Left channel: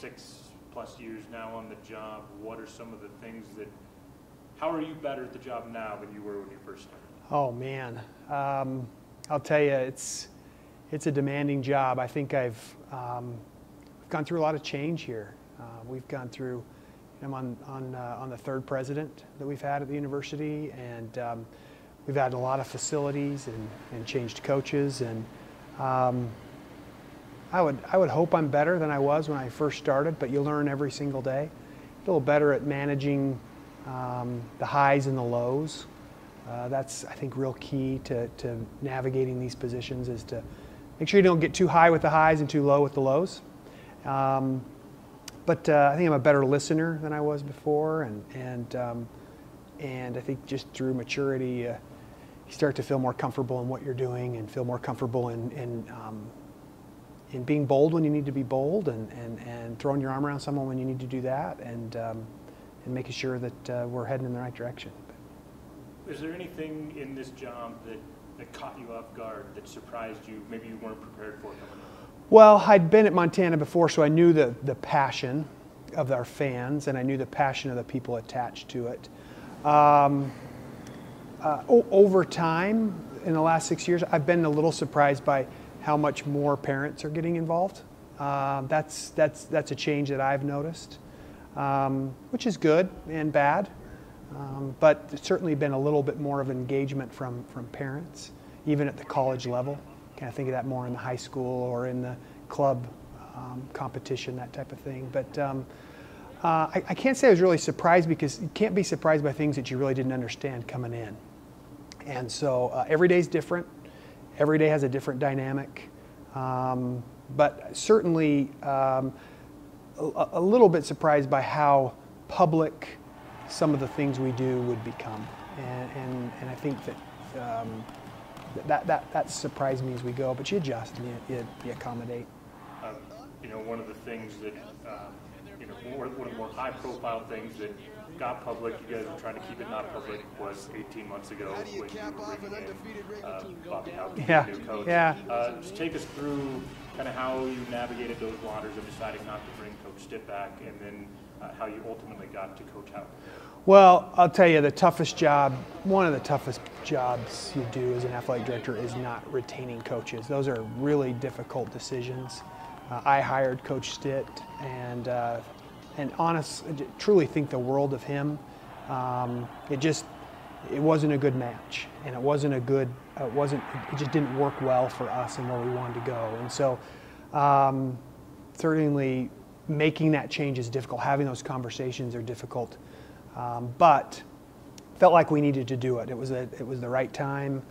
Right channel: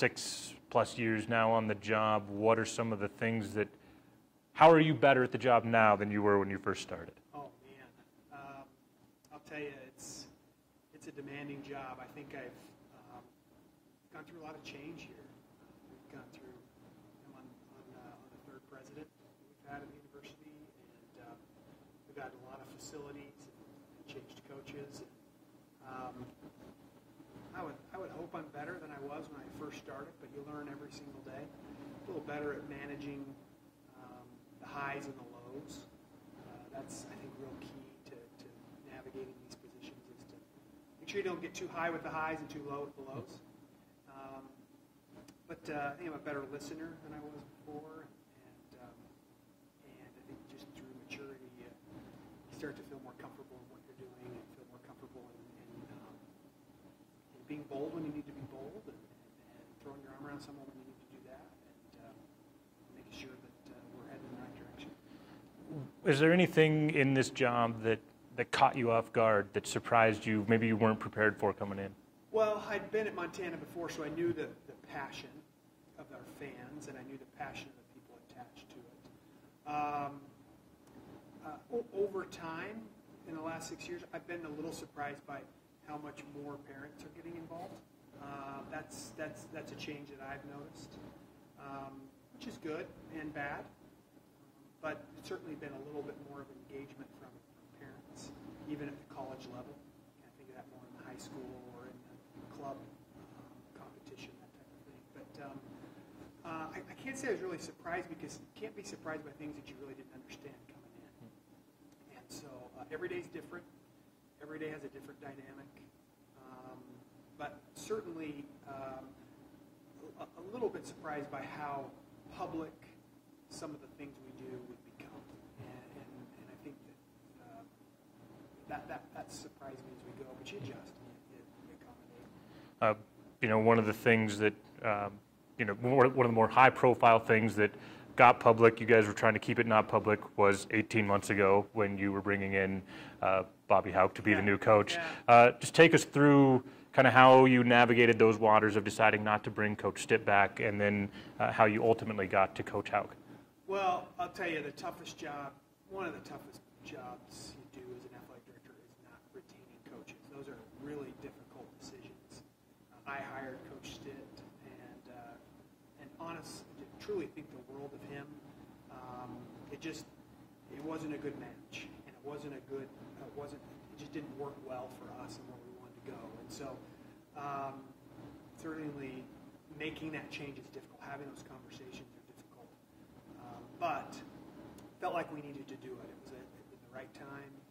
6+ years now on the job, what are some of the things that, how are you better at the job now than you were when you first started? Oh man, I'll tell you, it's a demanding job. I think I've gone through a lot of change here. We've gone through, I'm on the third president that we've had at the university, and we've had a lot of facilities and changed coaches, and I would hope I'm better than I was when I first started, but you learn every single day. A little better at managing the highs and the lows. That's, I think, real key to navigating these positions, is to make sure you don't get too high with the highs and too low with the lows. But I think I'm a better listener than I was before, and I think just through maturity, you start to feel more comfortable in what you're doing, and feel more comfortable in being bold when you need to be bold, and throwing your arm around someone when you need to do that, and making sure that we're heading in the right direction. Is there anything in this job that caught you off guard, that surprised you, maybe you weren't prepared for coming in? Well, I'd been at Montana before, so I knew the passion of our fans, and I knew the passion of the people attached to it. Over time, in the last 6 years, I've been a little surprised by how much more parents are getting involved. That's a change that I've noticed, which is good and bad. But it's certainly been a little bit more of engagement from parents, even at the college level. Kind of think of that more in the high school or in the club competition, that type of thing. But I can't say I was really surprised, because you can't be surprised by things that you really didn't understand coming in. And so every day is different. Every day has a different dynamic. But certainly a little bit surprised by how public some of the things we do would become. And I think that that surprised me as we go, but you adjust and you accommodate. You know, one of the things that, you know, one of the more high-profile things that got public, you guys were trying to keep it not public, was 18 months ago when you were bringing in Bobby Hauck to be the new coach. Yeah. Just take us through kind of how you navigated those waters of deciding not to bring Coach Stitt back, and then how you ultimately got to Coach Hauck. Well, I'll tell you, the toughest job, one of the toughest jobs you do as an athletic director, is not retaining coaches. Those are really difficult decisions. I hired Coach Stitt, and truly think the world of him. It wasn't a good match, and it just didn't work well for us and where we wanted to go. And so certainly making that change is difficult. Having those conversations are difficult. But felt like we needed to do it. It was the right time,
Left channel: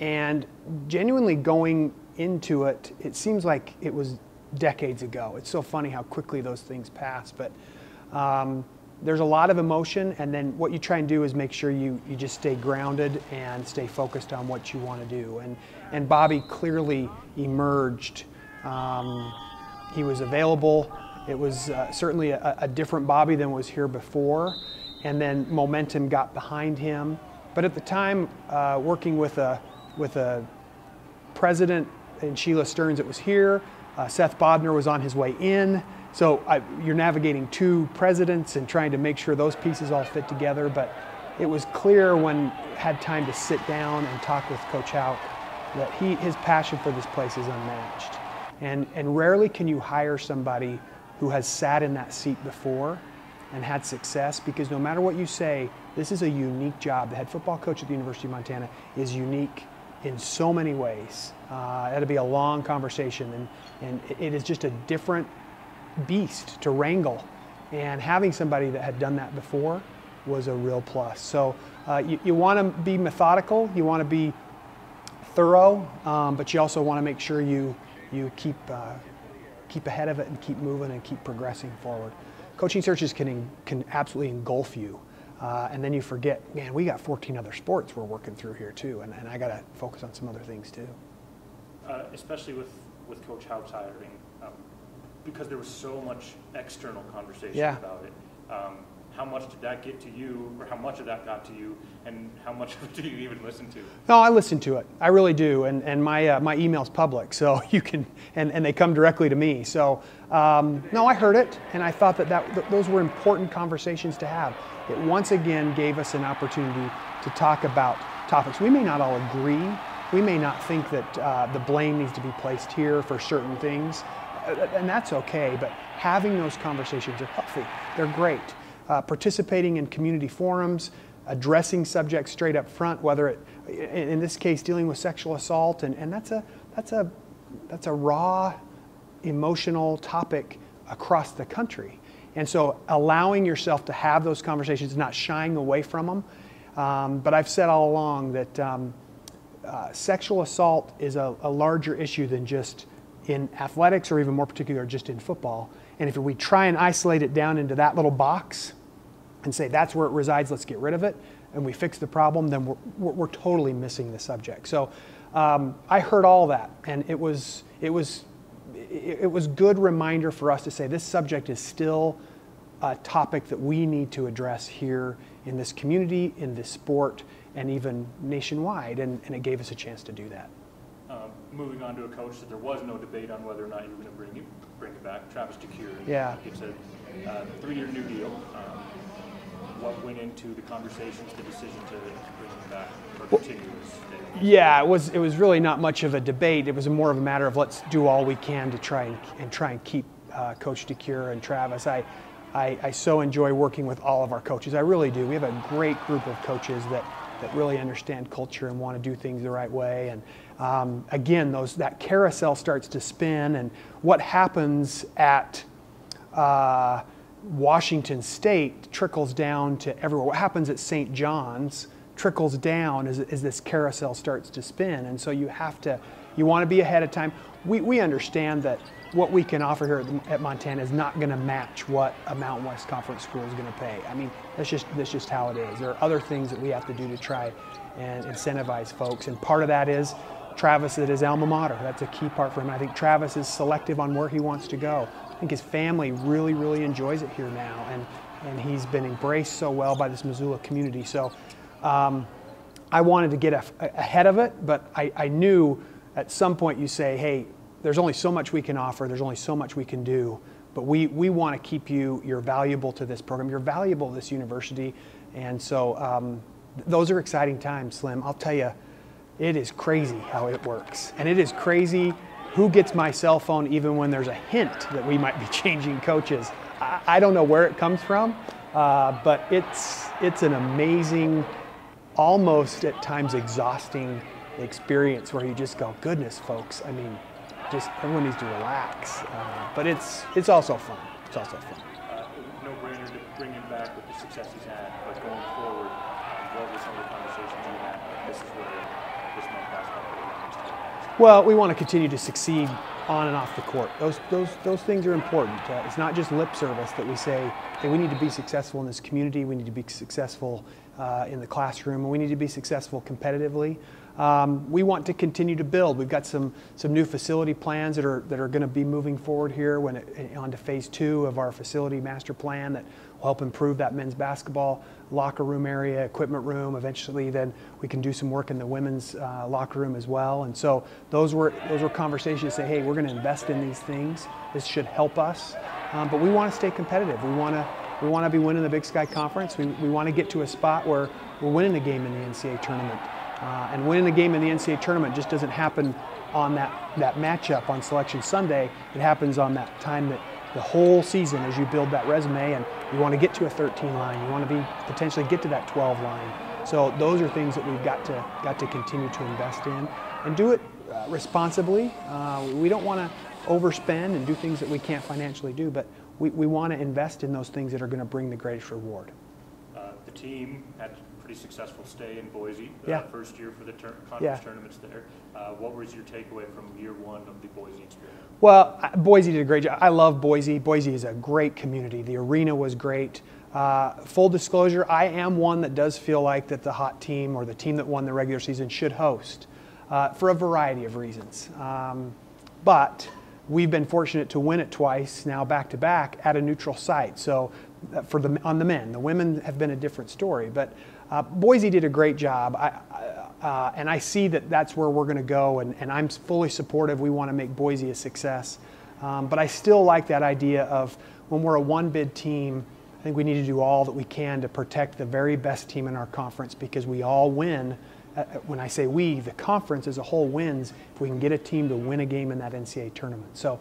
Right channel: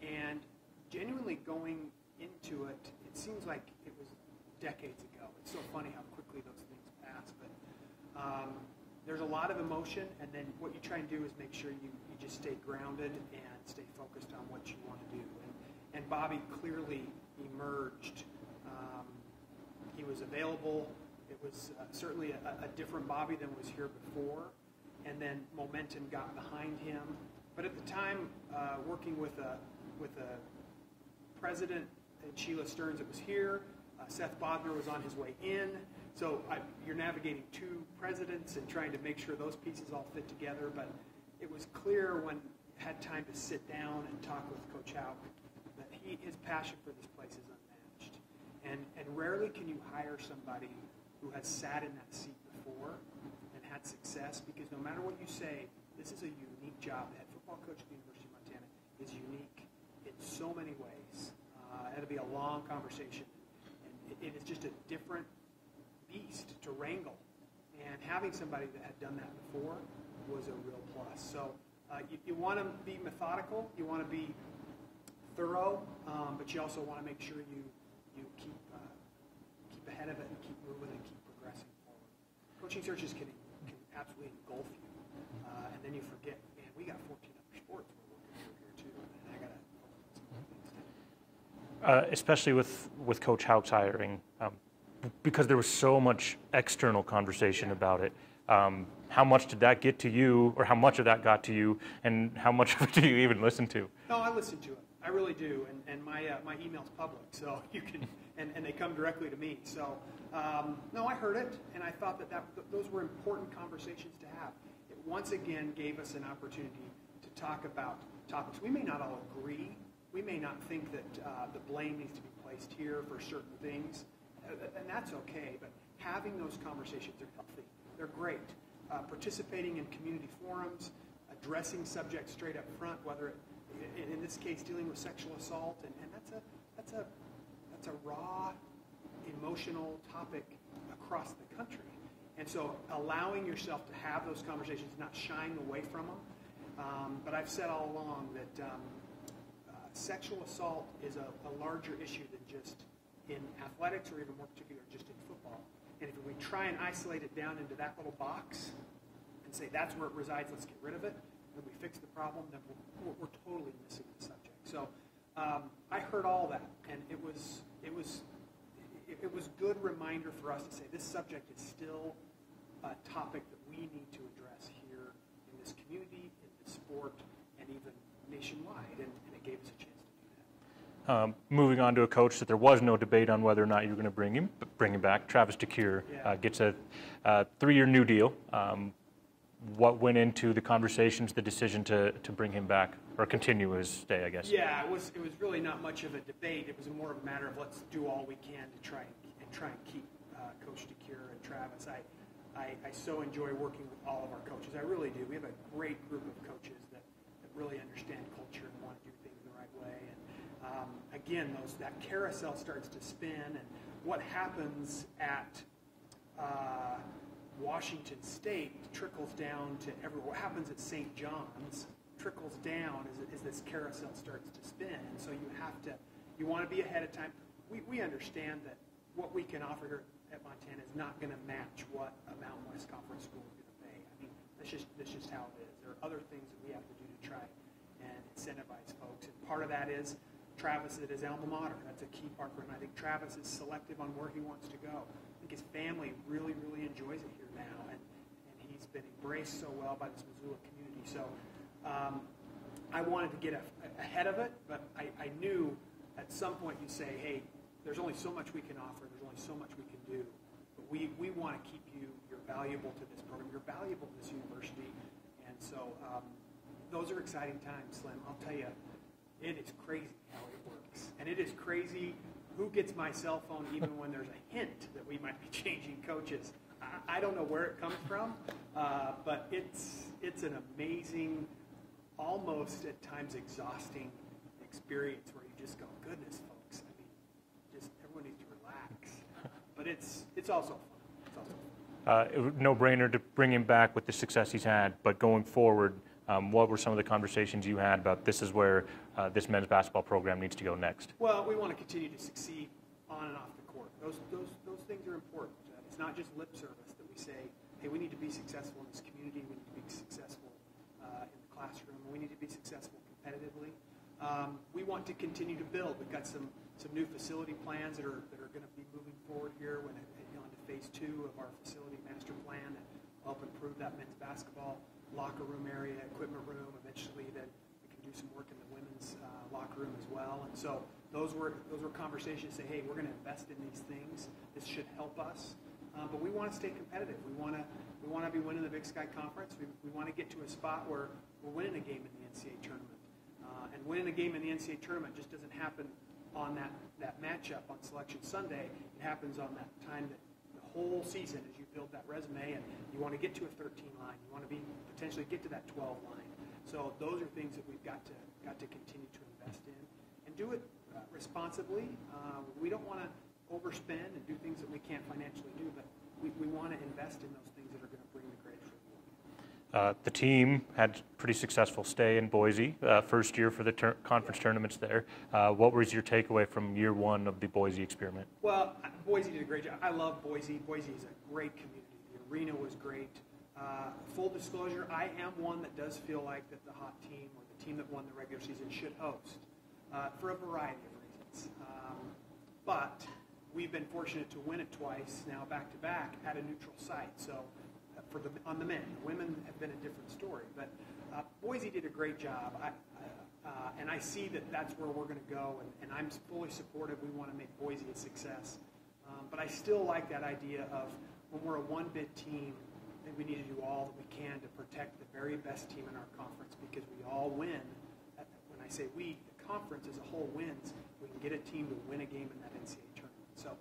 and genuinely going into it, it seems like it was decades ago. It's so funny how quickly those things pass. But there's a lot of emotion, and then what you try and do is make sure you just stay grounded and stay focused on what you want to do. And Bobby clearly emerged. He was available. It was certainly a different Bobby than was here before, and then momentum got behind him. But at the time, working with a president in Sheila Stearns that was here, Seth Bodner was on his way in. So you're navigating two presidents and trying to make sure those pieces all fit together. But it was clear when had time to sit down and talk with Coach Hauck that his passion for this place is unmatched. And rarely can you hire somebody who has sat in that seat before and had success, because no matter what you say, this is a unique job. The head football coach at the University of Montana is unique in so many ways. That'll be a long conversation, and it is just a different beast to wrangle. And having somebody that had done that before was a real plus. So you want to be methodical, you want to be thorough, but you also want to make sure you keep ahead of it and keep moving and keep progressing forward. Coaching searches can absolutely engulf you, and then you forget, man, we got 14 other sports we're working through here too, and I got to focus on some other things too. Especially with Coach Hauck's hiring, because there was so much external conversation about it. how much did that get to you, or how much of that got to you, and how much of it do you even listen to? No, I listen to it. I really do, and my email's public, so you can, and they come directly to me. So no, I heard it, and I thought that those were important conversations to have. It once again gave us an opportunity to talk about topics. We may not all agree. We may not think that the blame needs to be placed here for certain things, and that's okay, but having those conversations are healthy. They're great. Participating in community forums, addressing subjects straight up front, whether it, in this case, dealing with sexual assault, and that's a raw, emotional topic across the country. And so allowing yourself to have those conversations, not shying away from them. But I've said all along that sexual assault is a larger issue than just in athletics, or even more particular, just in football. And if we try and isolate it down into that little box and say that's where it resides, let's get rid of it, and we fix the problem, then we're totally missing the subject. So I heard all that, and it was good reminder for us to say this subject is still a topic that we need to address here in this community, in this sport, and even nationwide, and it gave us a chance to do that. Moving on to a coach that there was no debate on whether or not you were going to bring him back. Travis DeCuire gets a 3-year new deal. What went into the conversations, the decision to bring him back or continue his stay, I guess? Yeah, it was really not much of a debate. It was more of a matter of let's do all we can to try and keep Coach DeCuire and Travis. I so enjoy working with all of our coaches. I really do. We have a great group of coaches that really understand culture and want to do things the right way. And again, that carousel starts to spin, and what happens at Washington State trickles down to everywhere. What happens at St. John's trickles down as this carousel starts to spin. And so you want to be ahead of time. We understand that what we can offer here at Montana is not going to match what a Mountain West Conference school is going to pay. I mean, that's just how it is. There are other things that we have to do to try and incentivize folks, and part of that is Travis at his alma mater. That's a key part for him. I think Travis is selective on where he wants to go. I think his family really, really enjoys it here now, and he's been embraced so well by this Missoula community. So I wanted to get ahead of it, but I knew at some point you say, hey, there's only so much we can offer, there's only so much we can do, but we want to keep you're valuable to this program, you're valuable to this university, and so those are exciting times, Slim. I'll tell you, it is crazy how it works, and it is crazy who gets my cell phone even when there's a hint that we might be changing coaches. I don't know where it comes from, but it's an amazing, almost at times exhausting experience where you just go, goodness, folks, I mean, just everyone needs to relax, but it's also fun. It's also fun. No-brainer to bring him back with the success he's had, but going forward, what were some of the conversations you had about this is where this men's basketball program needs to go next? Well, we want to continue to succeed on and off the court. Those things are important. It's not just lip service that we say, hey, we need to be successful in this community, we need to be successful in the classroom, and we need to be successful competitively. We want to continue to build. We've got some new facility plans that are going to be moving forward here onto phase 2 of our facility master plan that will help improve that men's basketball locker room area, equipment room. Eventually, then we can do some work in the women's locker room as well. And so those were conversations to say, hey, we're going to invest in these things. This should help us, but we want to stay competitive. We want to be winning the Big Sky Conference. We want to get to a spot where we're winning the game in the NCAA tournament. And winning the game in the NCAA tournament just doesn't happen on that matchup on Selection Sunday. It happens on that time that the whole season as you build that resume, and you want to get to a 13 line. You want to potentially get to that 12 line. So those are things that we've got to continue to invest in and do it responsibly. We don't want to overspend and do things that we can't financially do, but we want to invest in those things that are going to bring the greatest reward. The team had a pretty successful stay in Boise, first year for the conference tournaments there. What was your takeaway from year one of the Boise experiment? Well, Boise did a great job. I love Boise. Boise is a great community. The arena was great. Full disclosure, I am one that does feel like that the hot team or the team that won the regular season should host for a variety of reasons. But we've been fortunate to win it twice now back-to-back at a neutral site. So on the men. The women have been a different story, but Boise did a great job. And I see that that's where we're going to go, and I'm fully supportive. We want to make Boise a success. But I still like that idea of when we're a one-bid team, I think we need to do all that we can to protect the very best team in our conference, because we all win. When I say we, the conference as a whole wins if we can get a team to win a game in that NCAA tournament. So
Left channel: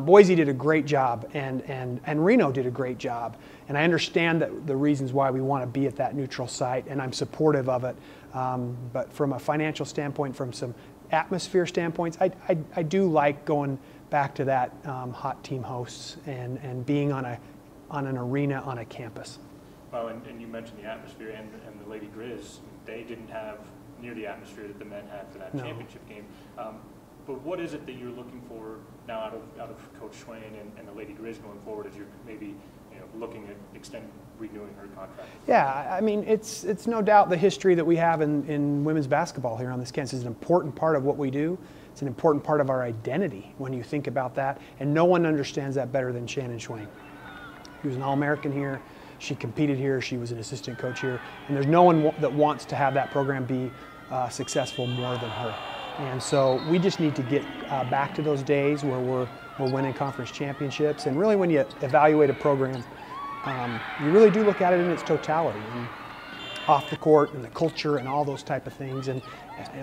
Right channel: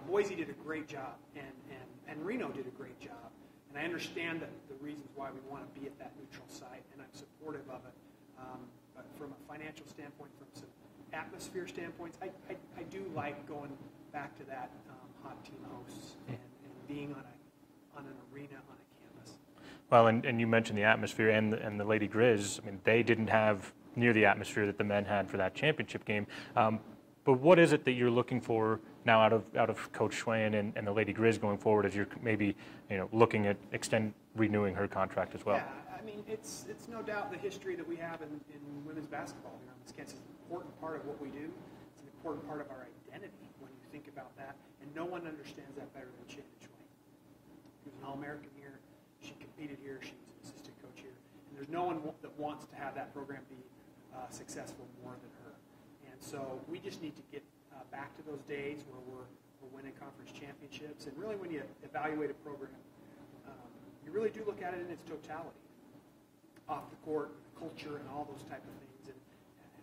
Boise did a great job, and Reno did a great job. And I understand that the reasons why we want to be at that neutral site, and I'm supportive of it. But from a financial standpoint, from some atmosphere standpoints, I do like going back to that hot team hosts and being on an arena on a campus. Well, and you mentioned the atmosphere and the Lady Grizz. I mean, they didn't have near the atmosphere that the men had for that championship game. But what is it that you're looking for now out of Coach Schwayen and the Lady Grizz going forward, as you're maybe looking at renewing her contract as well? Yeah, I mean, it's no doubt the history that we have in women's basketball here on this campus is an important part of what we do. It's an important part of our identity when you think about that, and no one understands that better than Shannon Schwayen. She was an All-American here. She competed here. She was an assistant coach here, and there's no one that wants to have that program be successful more than her. And so we just need to get back to those days where we're winning conference championships. And really, when you evaluate a program, you really do look at it in its totality, and off the court and the culture and all those type of things. And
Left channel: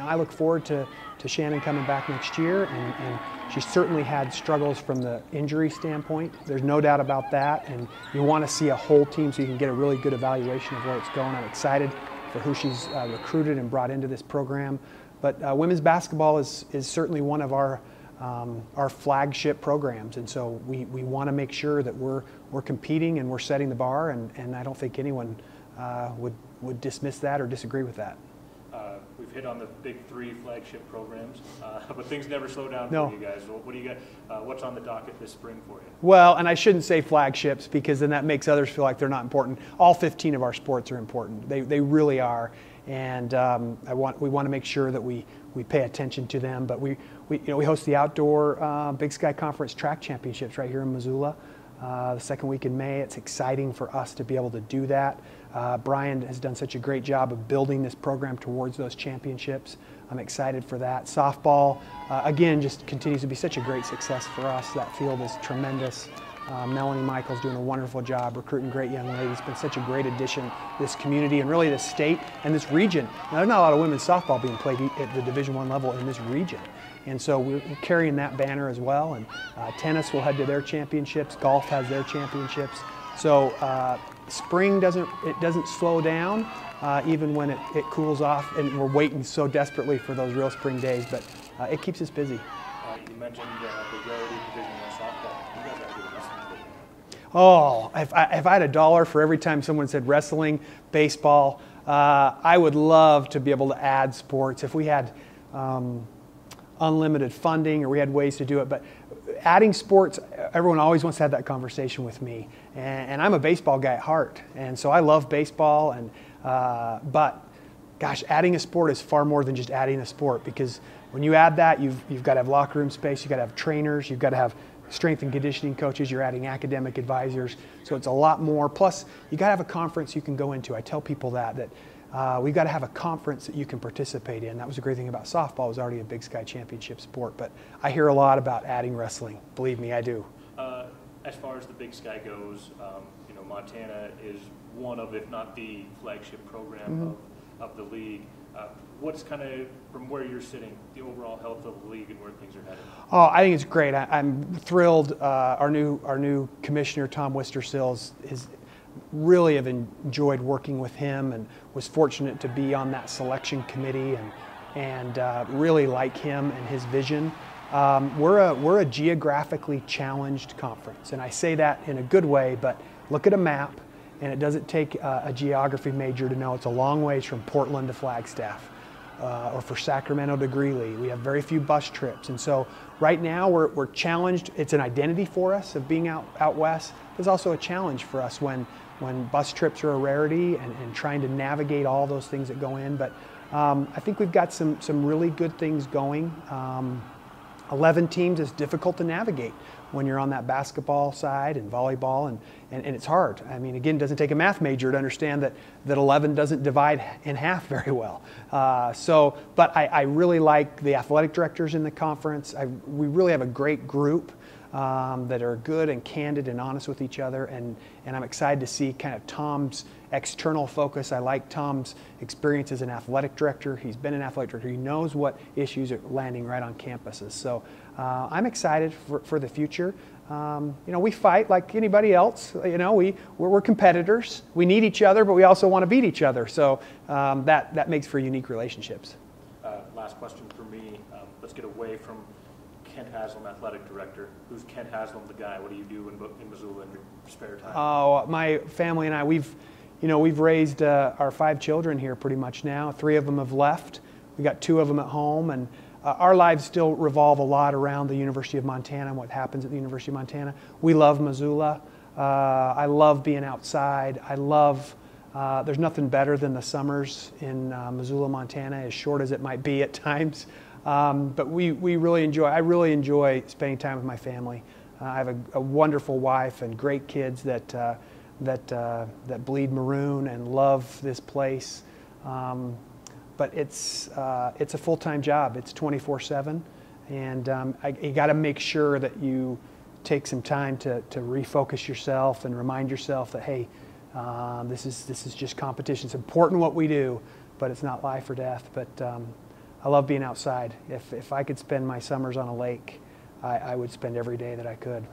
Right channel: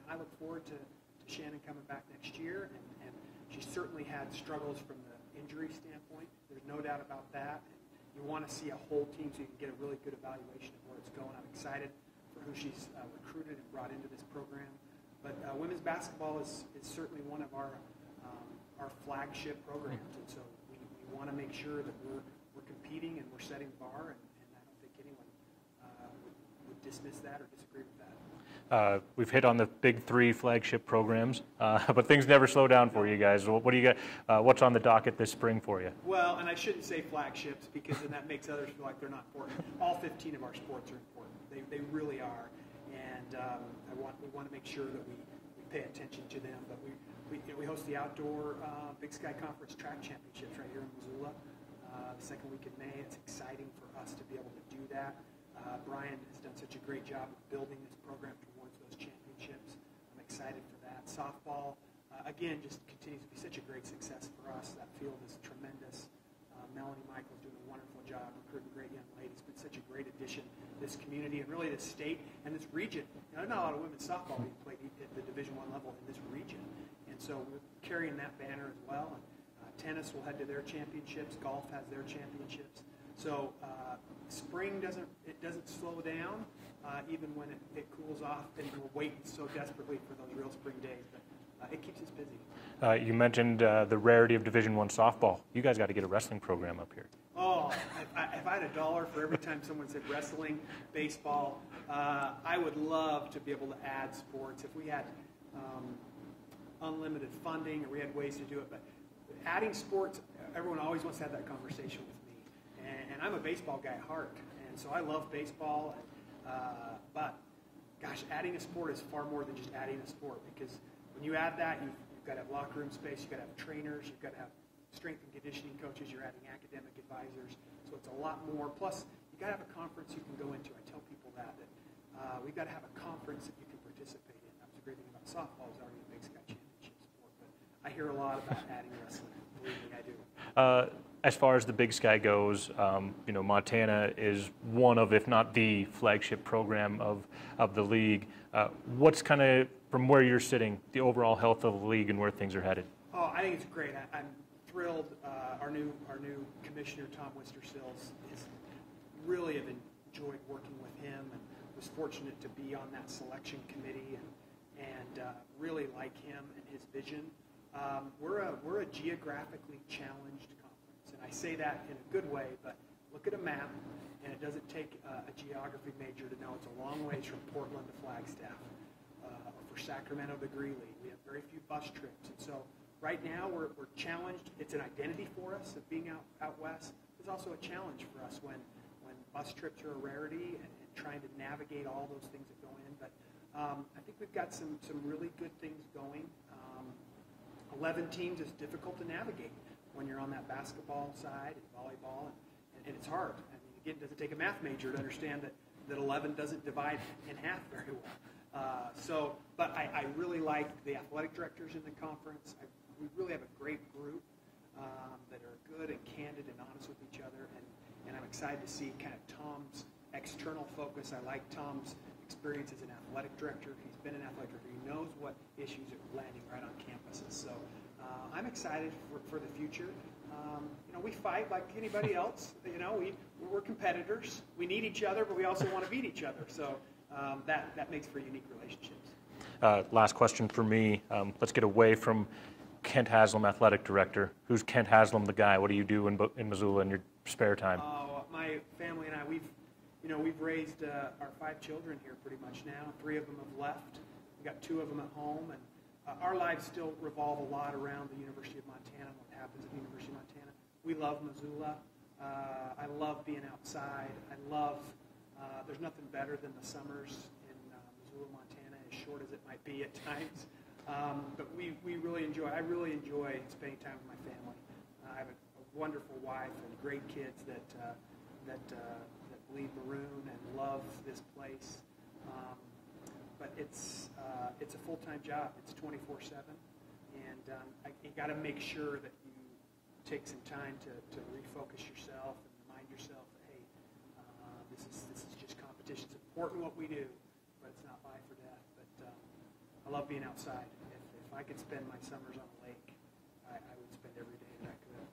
I look forward to Shannon coming back next year, and she certainly had struggles from the injury standpoint. There's no doubt about that, and you want to see a whole team so you can get a really good evaluation of where it's going. I'm excited for who she's recruited and brought into this program. But women's basketball is certainly one of our flagship programs, and so we want to make sure that we're competing and we're setting the bar, and I don't think anyone would dismiss that or disagree with that. We've hit on the big three flagship programs, but things never slow down for you guys. What do you got? What's on the docket this spring for you? Well, and I shouldn't say flagships, because then that makes others feel like they're not important. All 15 of our sports are important. They really are, and we want to make sure that we pay attention to them. But we host the outdoor Big Sky Conference track championships right here in Missoula. The second week in May. It's exciting for us to be able to do that. Brian has done such a great job of building this program towards those championships. I'm excited for that. Softball, again, just continues to be such a great success for us. That field is tremendous. Melanie Michael's doing a wonderful job recruiting great young ladies. It's been such a great addition to this community and really this state and this region. Now, there's not a lot of women's softball being played at the Division I level in this region. And so we're carrying that banner as well. And tennis will head to their championships. Golf has their championships. So spring doesn't slow down, even when it cools off. And we're waiting so desperately for those real spring days. But it keeps us busy. You mentioned the rarity of Division I softball. You guys got to get a wrestling program up here. Oh, if I had $1 for every time someone said wrestling, baseball, I would love to be able to add sports. If we had unlimited funding or we had ways to do it. But adding sports, everyone always wants to have that conversation with me. And I'm a baseball guy at heart. And so I love baseball. But gosh, adding a sport is far more than just adding a sport, because when you add that, you've got to have locker room space, you've got to have trainers, you've got to have strength and conditioning coaches, you're adding academic advisors. So it's a lot more. Plus, you got to have a conference you can go into. I tell people that we've got to have a conference that you can participate in. That was the great thing about softball. It was already a Big Sky championship sport. But I hear a lot about adding wrestling. Believe me, I do. As far as the Big Sky goes, Montana is one of, if not the flagship program of the league. What's kind of, from where you're sitting, the overall health of the league and where things are headed? Oh, I think it's great. I'm thrilled. Our new commissioner, Tom Wistersill, is really have enjoyed working with him, and was fortunate to be on that selection committee, and really like him and his vision. We're a geographically challenged conference, and I say that in a good way. But look at a map, and it doesn't take a geography major to know it's a long ways from Portland to Flagstaff, or for Sacramento to Greeley. We have very few bus trips, and so right now we're challenged. It's an identity for us of being out west. There's also a challenge for us when bus trips are a rarity, and trying to navigate all those things that go in. But I think we've got some really good things going. 11 teams is difficult to navigate when you're on that basketball side and volleyball, and it's hard. I mean, again, it doesn't take a math major to understand that 11 doesn't divide in half very well. But I really like the athletic directors in the conference. We really have a great group that are good and candid and honest with each other, and I'm excited to see kind of Tom's external focus. I like Tom's experience as an athletic director. He's been an athletic director. He knows what issues are landing right on campuses. So I'm excited for the future. We fight like anybody else. We're competitors. We need each other, but we also want to beat each other. So that makes for unique relationships. Last question for me. Let's get away from Kent Haslam, athletic director. Who's Kent Haslam, the guy? What do you do in Missoula in your spare time? Oh, my family and I, we've raised our 5 children here pretty much now. 3 of them have left. We got 2 of them at home, and our lives still revolve a lot around the University of Montana and what happens at the University of Montana. We love Missoula. I love being outside. There's nothing better than the summers in Missoula, Montana, as short as it might be at times. But I really enjoy spending time with my family. I have a wonderful wife and great kids that bleed maroon and love this place. But it's a full-time job. It's 24/7, and you got to make sure that you take some time to refocus yourself and remind yourself that, hey, this is just competition. It's important what we do, but it's not life or death. But I love being outside. If I could spend my summers on a lake, I would spend every day that I could.